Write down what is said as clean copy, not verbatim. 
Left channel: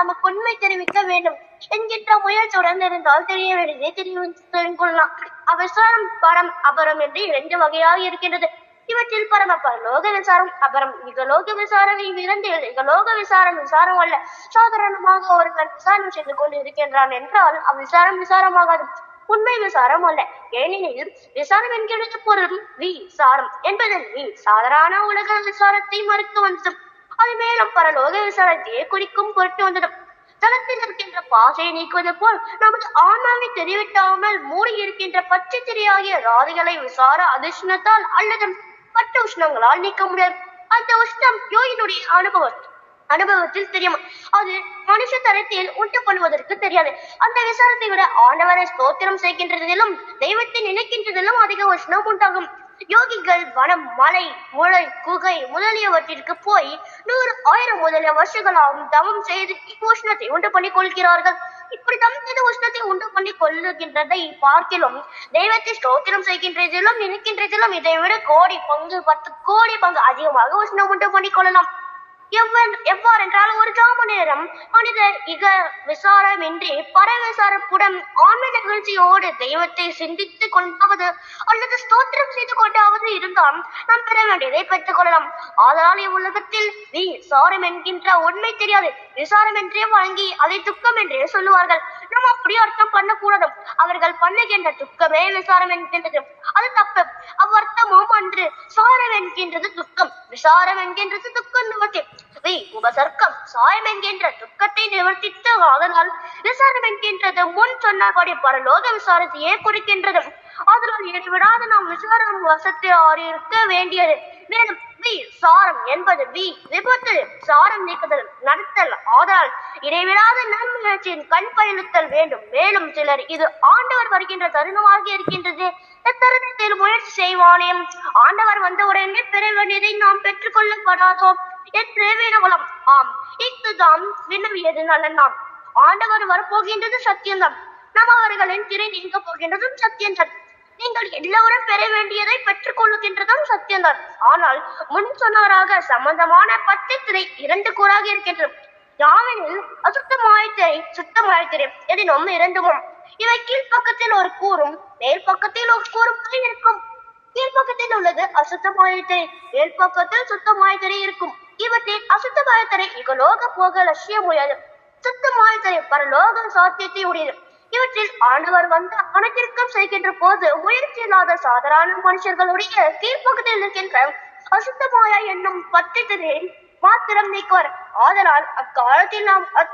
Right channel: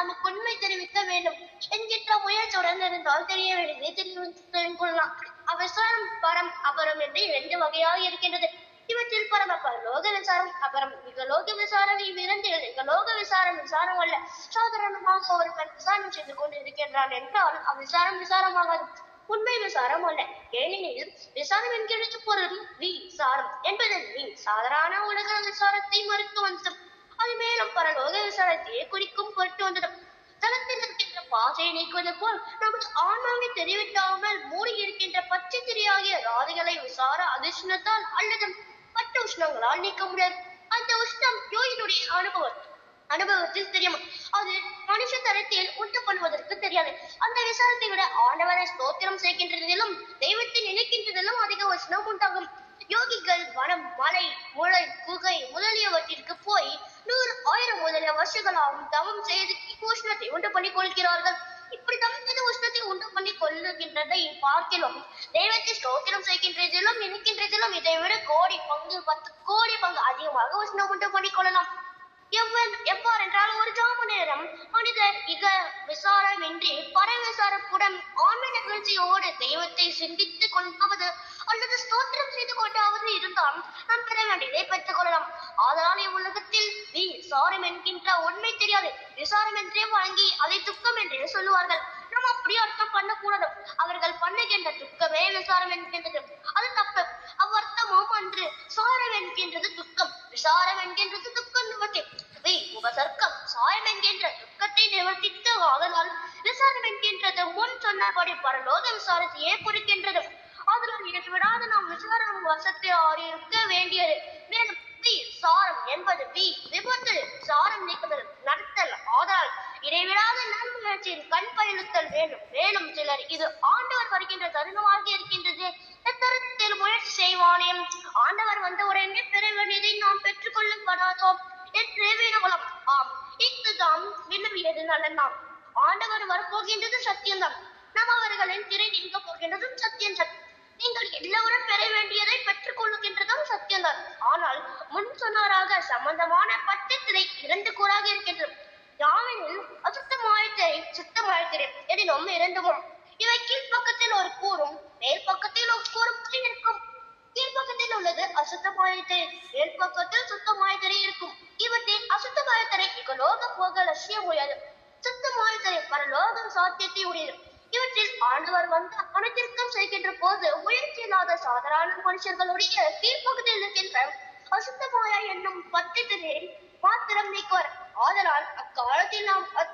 நமக்கு உண்மை தெரிவிக்க வேண்டும் என்கின்ற முயற்சியுடன் இருந்தால் தெரிய வேண்டியதை தெரிந்து கொள்ளலாம். அவிசாரம் பரம் அபரம் என்று 2 வகையாக இருக்கின்றது. இவற்றில் பரம பரலோக விசாரம் அபரம் இகலோக விசாரம் இவ்விரண்டில் இகலோக விசாரம் அல்ல. சாதாரணமாக ஒருவன் விசாரணை செய்து கொண்டு இருக்கின்றான் என்றால் அவ்விசாரம் விசாரமாகாது, உண்மை விசாரம் அல்ல. ஏனெனில் விசாரம் என்கிறது பொருள் விசாரம் என்பதன் சாதாரண உலக விசாரத்தை மறுத்து வந்தது. அது மேலும் பரலோக விசாரத்தையே குறிக்கும் பொருட்டு வந்தது. தளத்தில் இருக்கின்ற பாசையை நீக்குவது போல் நமது ஆன்மாவை தெரிவிக்காமல் மூடி இருக்கின்ற பச்சை திரையாகிய ராதிகளை விசார அதிர்ஷ்ணத்தால் அல்லது பட்டு உஷ்ணங்களால் நீக்க முடியாது. அந்த உஷ்ணம் யோகினுடைய அனுபவத்தில் தெரியும். அது மனுஷ தரத்தில் உண்டு பண்ணுவதற்கு தெரியாது. அந்த விசாரத்தை விட ஆண்டவரை ஸ்தோத்திரம் செய்கின்றதிலும் தெய்வத்தை நினைக்கின்றதிலும் அதிக உஷ்ணம் உண்டாகும். யோகிகள் வனம், மலை, முளை, குகை முதலியவற்றிற்கு போய் 100, 1000 முதலிய வருஷங்களாகவும் தவம் செய்து உஷ்ணத்தை உண்டு பண்ணி கொள்கிறார்கள். இப்படி தவம் செய்து உஷ்ணத்தை உண்டு பண்ணி கொள்ளுகின்றதை பார்க்கிலும் தெய்வத்தை ஸ்தோத்திரம் செய்கின்றதிலும் நினைக்கின்றதிலும் இதை விட கோடி பங்கு 10 கோடி பங்கு அதிகமாக உஷ்ணம் உண்டு பண்ணி கொள்ளலாம். எவ்வாறென்றால் ஒரு ஜாம நேரம் மனிதர் இக விசாரமின்றி பரவிசாரப்புடன் ஆன்ம நிகழ்ச்சியோடு தெய்வத்தை சிந்தித்து கொண்டாவது அல்லது ஸ்தோத்திரம் செய்து கொண்டாவது இருந்தால் நாம் பெற வேண்டியதை பெற்றுக் கொள்ளலாம். ஆதலால் இவ்வுலகத்தில் விசாரம் என்கின்ற உண்மை தெரியாது. விசாரம் என்றே வழங்கி அதை துக்கம் என்றே சொல்லுவார்கள். நாம் அப்படி அர்த்தம் பண்ணக்கூடாது. அவர்கள் பண்ணுகின்ற துக்கமே விசாரம் என்கின்றது. அது தப்பு. அவ்வர்த்தமும் அன்று. சாரம் என்கின்றது துக்கம், விசாரம் என்கின்றது துக்கம் நிவர்த்தி. உபசர்க்கம் சாயம் என்கின்ற துக்கத்தை நிவர்த்தித்து, அதனால் விசாரம் என்கின்றது முன் சொன்னபடி பரலோக விசாரத்தையே குறிக்கின்றது. அதனால் இடைவிடாது நாம் விசாரம் வசத்தை அறிவிக்க வேண்டியது. மேலும் சாரம் என்பது விபத்து, சாரம் நீக்குதல், நடத்தல். ஆதலால் இடைவிடாத நன்முயற்சியின் கண் பயணித்தல் வேண்டும். மேலும் சிலர் இது ஆண்டவர் வருகின்ற தருணமாக இருக்கின்றது, தருணத்தில் முயற்சி செய்வானே, ஆண்டவர் வந்த உடனே பெற வேண்டியதை நாம் பெற்றுக்கொள்ளப்படாதோ என்று வினவலாம். ஆம், இதுதான் வினவியது நலன். ஆண்டவர் வரப்போகின்றது சத்தியம்தான். நாம் அவர்களின் திரை நீங்க போகின்றதும் சத்தியம்தான். நீங்கள் எல்லோரும் பெற வேண்டியதை பெற்றுக் கொள்ளுகின்றதும் சத்தியம்தான். ஆனால் முன் சொன்னவராக சம்பந்தமான 10 திரை 2 கூறாக இருக்கின்றது. யாவெனில் அசுத்தமாய திரை சுத்தமாய திரை எதினும் 2. இவை கீழ்ப்பக்கத்தில் ஒரு கூறும் மேல் பக்கத்தில் ஒரு கூறும் இருக்கும். கீழ்ப்பக்கத்தில் உள்ளது அசுத்தமாய திரை, மேல் பக்கத்தில் சுத்தமாய திரை இருக்கும். இவற்றில் அசுத்தமாய திரை இகலோக போக லட்சியம் உடையது, சுத்தமாய திரை பரலோக சாத்தியத்தை உடையது. இவற்றில் ஆண்டவர் வந்து கணக்கிற்கம் செய்கின்ற போது முயற்சி இல்லாத சாதாரண மனுஷர்களுடைய கீழ்ப்பக்கத்தில் இருக்கின்ற அசுத்தமாய என்னும் 10 திரை மாத்திரம் நீக்குவார். ஆதலால் அக்காலத்தில் நாம்